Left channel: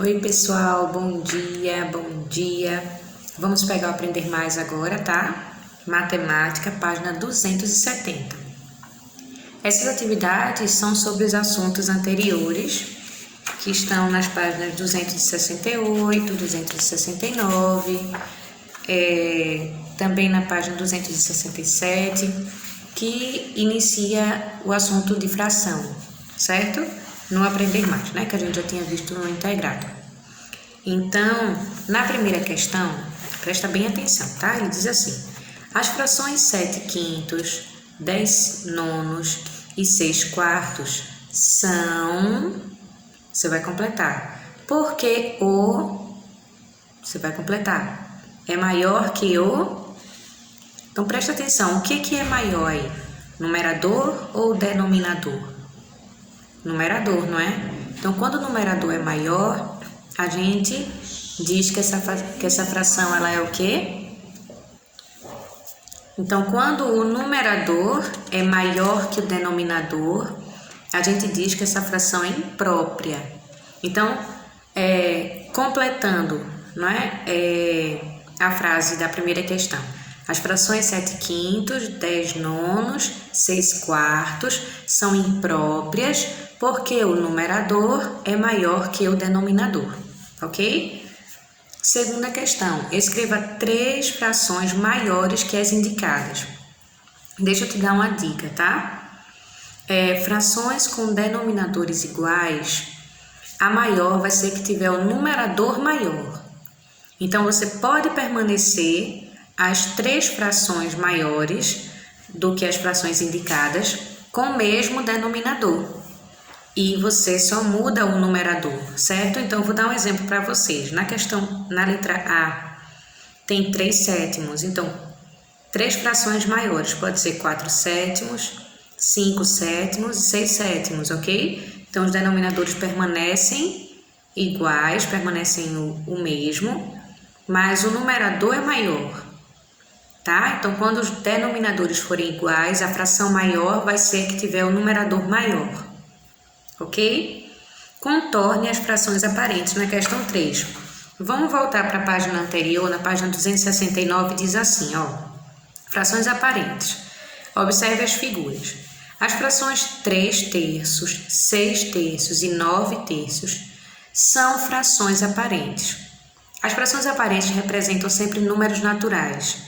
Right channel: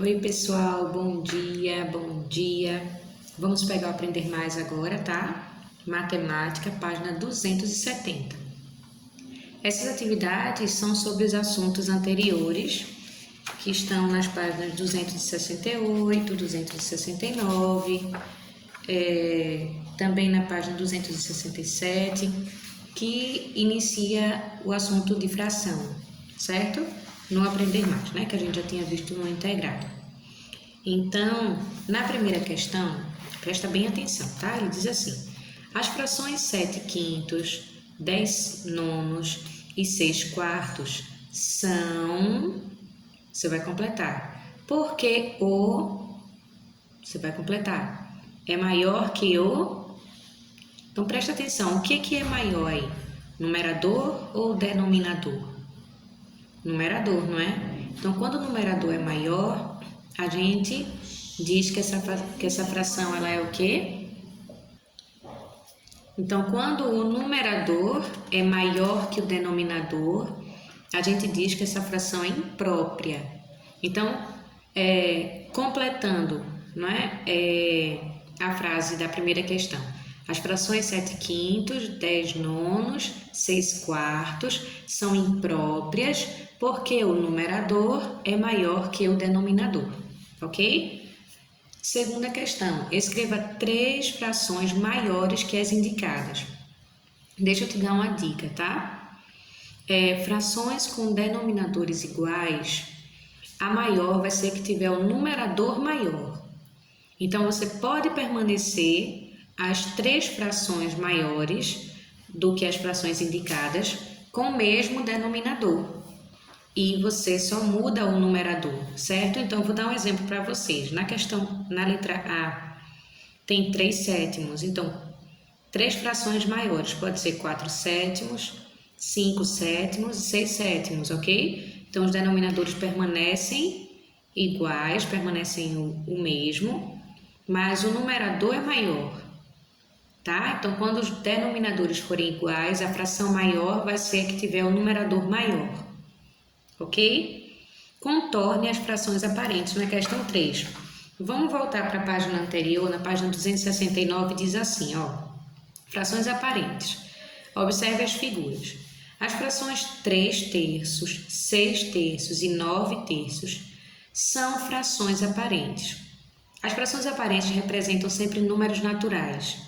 Oi pessoal, bom dia, bom dia. Vamos pegar o Aprender Mais agora, tá? Matemática, página 270. Essas atividades são sobre os assuntos anteriores, que estão nas páginas 268, 269, também na página 267, que inicia o assunto de fração, certo? No Aprender Mais, né? Que a gente já tinha visto no integrado. Então, na primeira questão, presta bem atenção, tá? Ele diz assim: as frações 7 quintos, 10 nonos e 6 quartos são... Você vai completar. Porque você vai completar. É maior que o... Então, presta atenção. O que é maior aí? Numerador ou denominador? Numerador, não é? Então, quando o numerador é maior, a gente diz que essa fração ela é o quê? Então, quando o numerador é maior que o denominador, a gente diz que essa fração é imprópria. Então, completando, não é? A frase da primeira questão. As frações 7 quintos, 10 nonos, 6 quartos são impróprias porque o numerador é maior que o denominador, ok? Segunda questão, escreva 3 frações maiores que as indicadas. Deixa eu te dar uma dica, tá? Frações com denominadores iguais, a maior vai ser que tiver o numerador maior. Então, você pode permanecer as 3 frações maiores do que as frações indicadas com o mesmo denominador. E você só muda o numerador, certo? Então, eu vou dar um exemplo para vocês. Na questão, na letra A, tem 3 sétimos. Então, 3 frações maiores. Pode ser 4 sétimos, 5 sétimos e 6 sétimos, ok? Então, os denominadores permanecem iguais, permanecem o mesmo, mas o numerador é maior. Tá? Então, quando os denominadores forem iguais, a fração maior vai ser que tiver o numerador maior, ok? Contorne as frações aparentes na questão 3. Vamos voltar para a página anterior, na página 269, diz assim, ó. Frações aparentes. Observe as figuras. As frações 3 terços, 6 terços e 9 terços são frações aparentes. As frações aparentes representam sempre números naturais.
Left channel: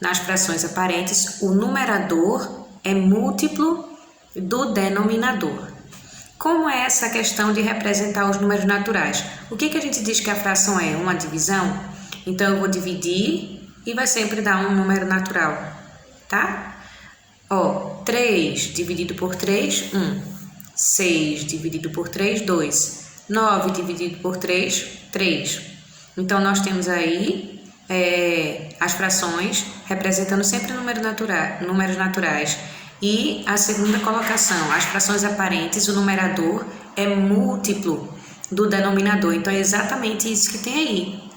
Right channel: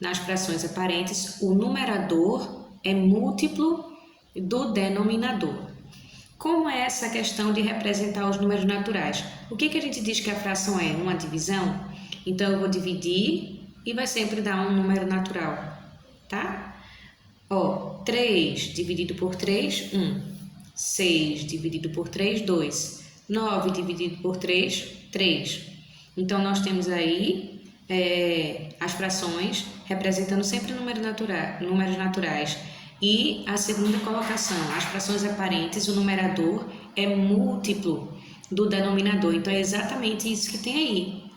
Nas frações aparentes, o numerador é múltiplo do denominador. Como é essa questão de representar os números naturais? O que a gente diz que a fração é? Uma divisão? Então, eu vou dividir e vai sempre dar um número natural, tá? Ó, 3 dividido por 3, 1. 6 dividido por 3, 2. 9 dividido por 3, 3. Então, nós temos aí as frações representando sempre números naturais. E a segunda colocação, as frações aparentes, o numerador é múltiplo do denominador. Então, é exatamente isso que tem aí.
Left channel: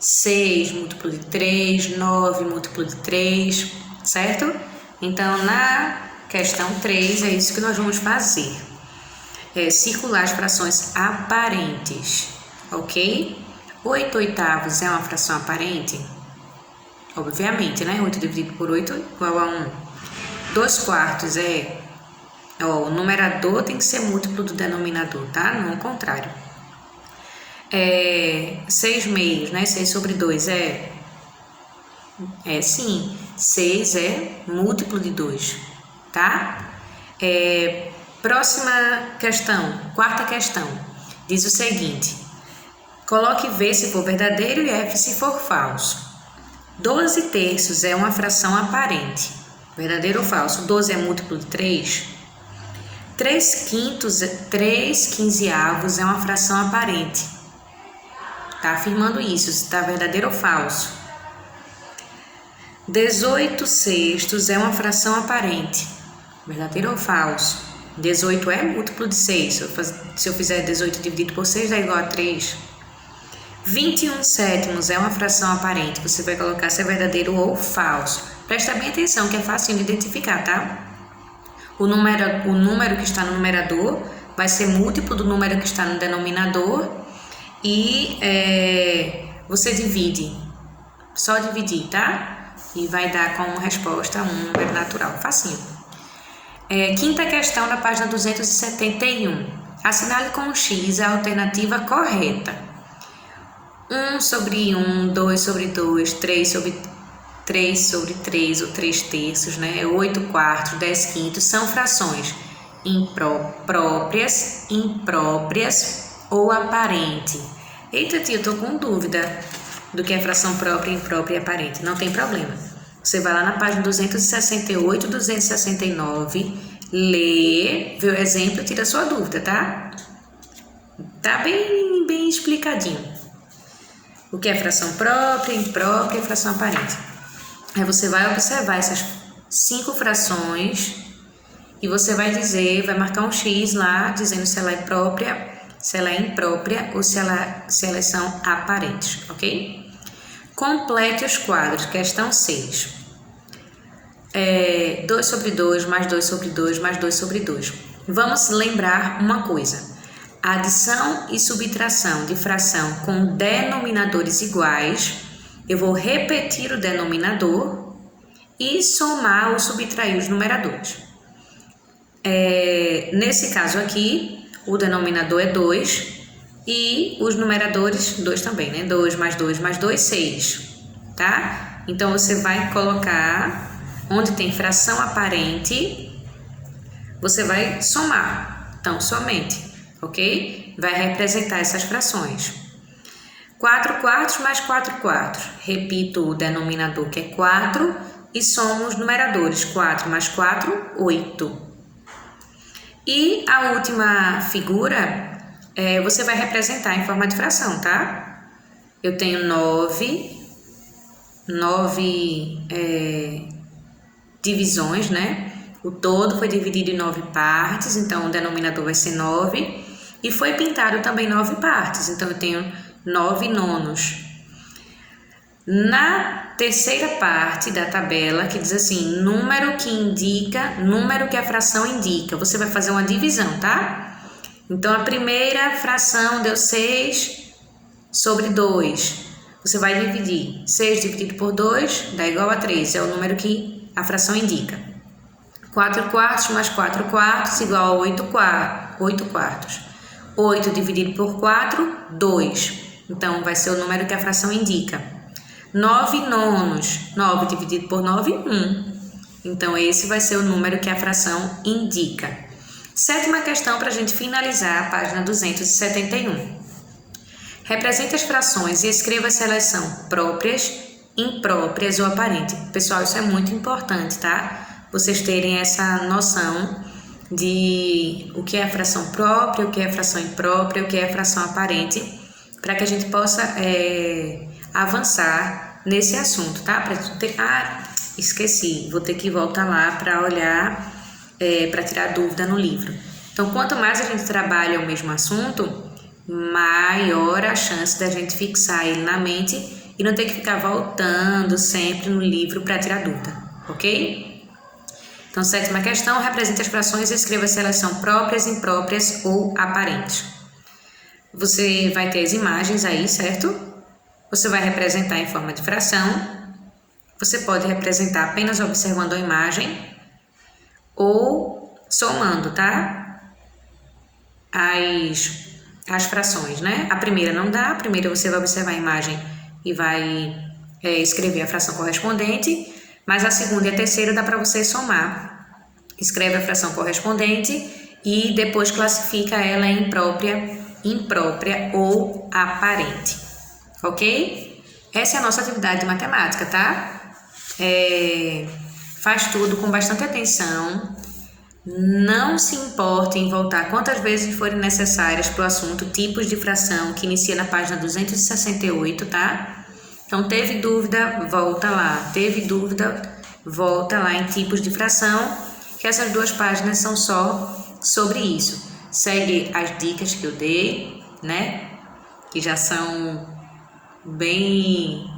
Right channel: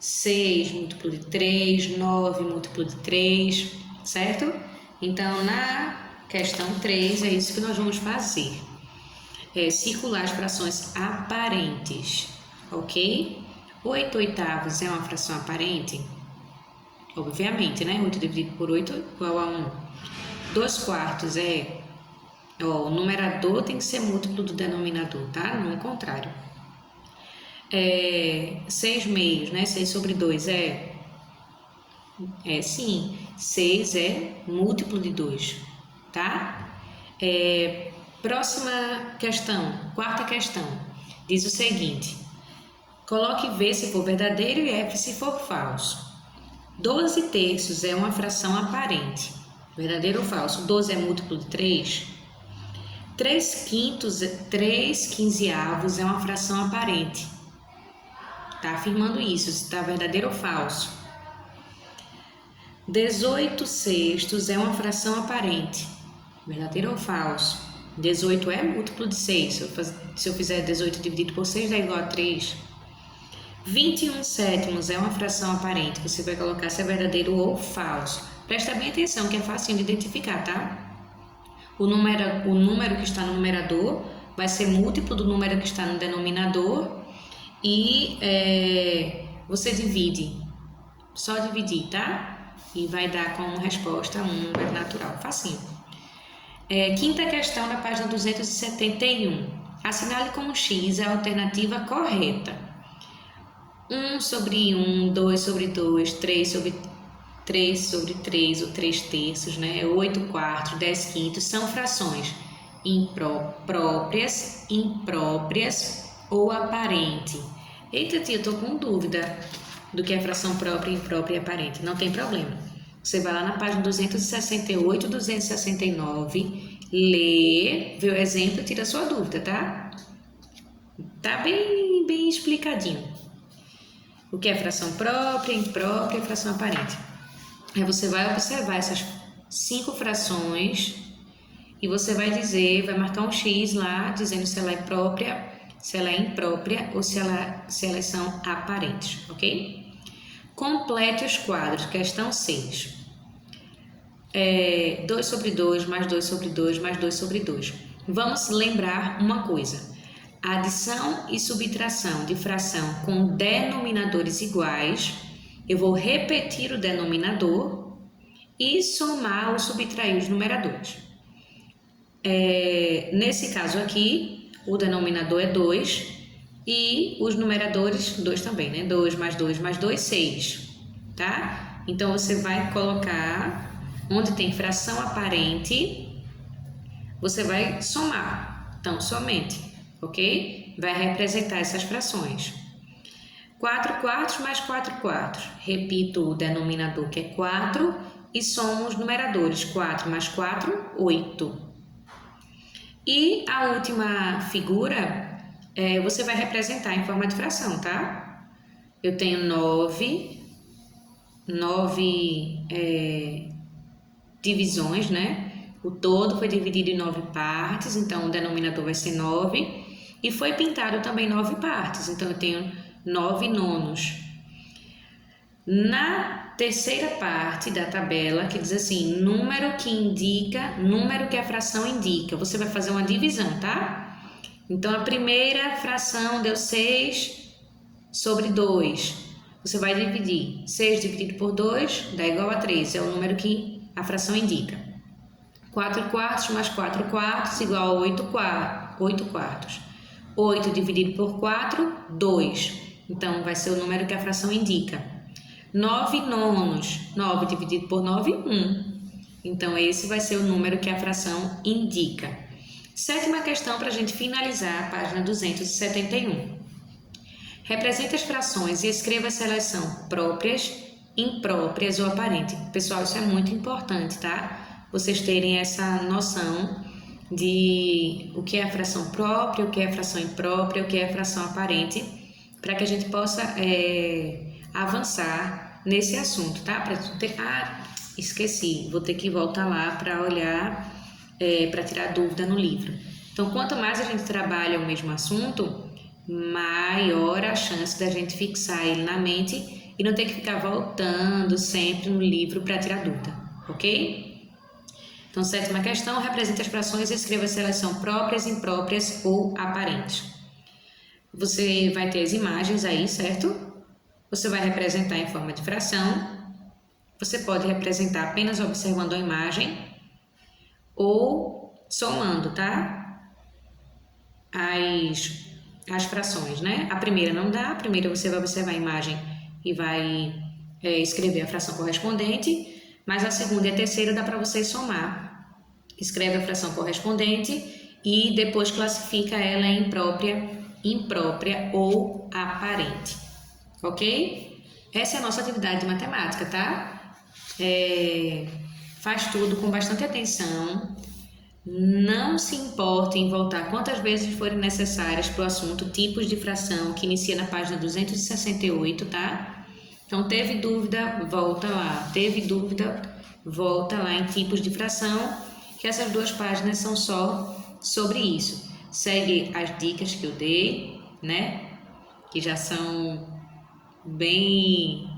6 múltiplo de 3, 9 múltiplo de 3, certo? Então, na questão 3, é isso que nós vamos fazer. Circular as frações aparentes, ok? 8 oitavos é uma fração aparente? Obviamente, né? 8 dividido por 8 igual a 1. 2 quartos o numerador tem que ser múltiplo do denominador, tá? Não o contrário. 6 meios, né? 6 sobre 2 sim. 6 é múltiplo de 2, tá? Próxima questão, quarta questão, diz o seguinte: coloque V se for verdadeiro e F se for falso. 12 terços é uma fração aparente. Verdadeiro ou falso? 12 é múltiplo de 3. 3 quintos, 3 quinzeavos é uma fração aparente. Está afirmando isso, se está verdadeiro ou falso. 18 sextos é uma fração aparente. Verdadeiro ou falso? 18 é múltiplo de 6. Se eu fizer 18 dividido por 6, dá igual a 3. 21 sétimos é uma fração aparente. Você vai colocar se é verdadeiro ou falso. Presta bem atenção que é fácil de identificar, tá? O número que está no numerador vai ser múltiplo do número que está no denominador e você divide, só dividir, tá? E vai dar como resposta um número natural, facinho. Quinta questão da página 271. Assinale com um X a alternativa correta. 1 sobre 1, 2 sobre 2, 3 sobre 3 sobre 3 ou 3 terços, né? 8 quartos, 10 quintos, são frações próprias, impróprias ou aparente. Eita, tia, eu tô com dúvida do que é fração própria, imprópria e aparente. Não tem problema. Você vai lá na página 268, 269, lê, vê o exemplo e tira a sua dúvida, tá? Tá bem explicadinho. O que é fração própria, imprópria e fração aparente. Aí você vai observar essas 5 frações e você vai dizer, vai marcar um X lá, dizendo se ela é própria, se ela é imprópria ou se elas são aparentes, ok? Complete os quadros, questão 6. 2 sobre 2, mais 2 sobre 2, mais 2 sobre 2. Vamos lembrar uma coisa. Adição e subtração de fração com denominadores iguais, eu vou repetir o denominador e somar ou subtrair os numeradores. Nesse caso aqui, o denominador é 2 e os numeradores 2 também, né? 2 mais 2 mais 2, 6, tá? Então, você vai colocar, onde tem fração aparente, você vai somar, então, somente, ok? Vai representar essas frações. 4 quartos mais 4 quartos, repito o denominador que é 4 e somo os numeradores, 4 mais 4, 8. E a última figura, você vai representar em forma de fração, tá? Eu tenho 9 divisões, né? O todo foi dividido em 9 partes, então o denominador vai ser 9. E foi pintado também 9 partes, então eu tenho 9 nonos. Na terceira parte da tabela, que diz assim, número que a fração indica, você vai fazer uma divisão, tá? Então, a primeira fração deu 6 sobre 2. Você vai dividir. 6 dividido por 2 dá igual a 3, é o número que a fração indica. 4 quartos mais 4 quartos igual a 8 quartos. 8 dividido por 4, 2. Então, vai ser o número que a fração indica. 9 nonos, 9 dividido por 9, 1. Então, esse vai ser o número que a fração indica. Sétima questão para a gente finalizar a página 271. Represente as frações e escreva se elas são próprias, impróprias ou aparentes. Pessoal, isso é muito importante, tá? Vocês terem essa noção de o que é a fração própria, o que é a fração imprópria, o que é a fração aparente, para que a gente possa avançar nesse assunto, tá? Esqueci, vou ter que voltar lá para olhar, para tirar dúvida no livro. Então, quanto mais a gente trabalha o mesmo assunto, maior a chance da gente fixar ele na mente e não ter que ficar voltando sempre no livro para tirar dúvida, ok? Então, sétima questão, represente as frações e escreva se elas são próprias, impróprias ou aparentes. Você vai ter as imagens aí, certo? Você vai representar em forma de fração. Você pode representar apenas observando a imagem ou somando, tá? As frações, né? A primeira não dá. A primeira você vai observar a imagem e vai escrever a fração correspondente. Mas a segunda e a terceira dá para você somar. Escreve a fração correspondente e depois classifica ela em imprópria ou aparente. Ok? Essa é a nossa atividade de matemática, tá? Faz tudo com bastante atenção. Não se importe em voltar quantas vezes forem necessárias para o assunto tipos de fração, que inicia na página 268, tá? Então, teve dúvida, volta lá. Teve dúvida, volta lá em tipos de fração, que essas 2 páginas são só sobre isso. Segue as dicas que eu dei, né? Que já são bem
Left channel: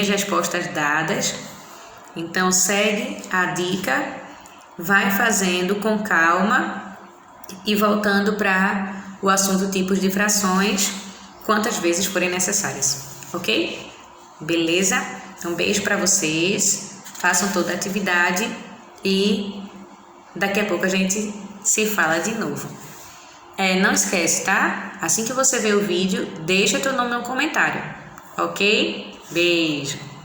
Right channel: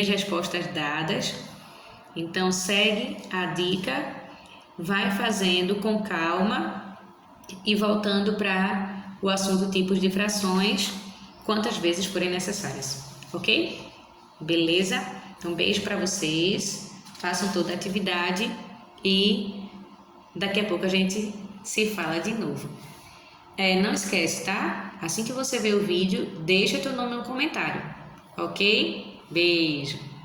as respostas dadas. Então, segue a dica, vai fazendo com calma e voltando para o assunto tipos de frações quantas vezes forem necessárias, ok? Beleza? Um beijo para vocês, façam toda a atividade e daqui a pouco a gente se fala de novo. Não esquece, tá? Assim que você ver o vídeo, deixa teu nome no comentário, ok? Beijo!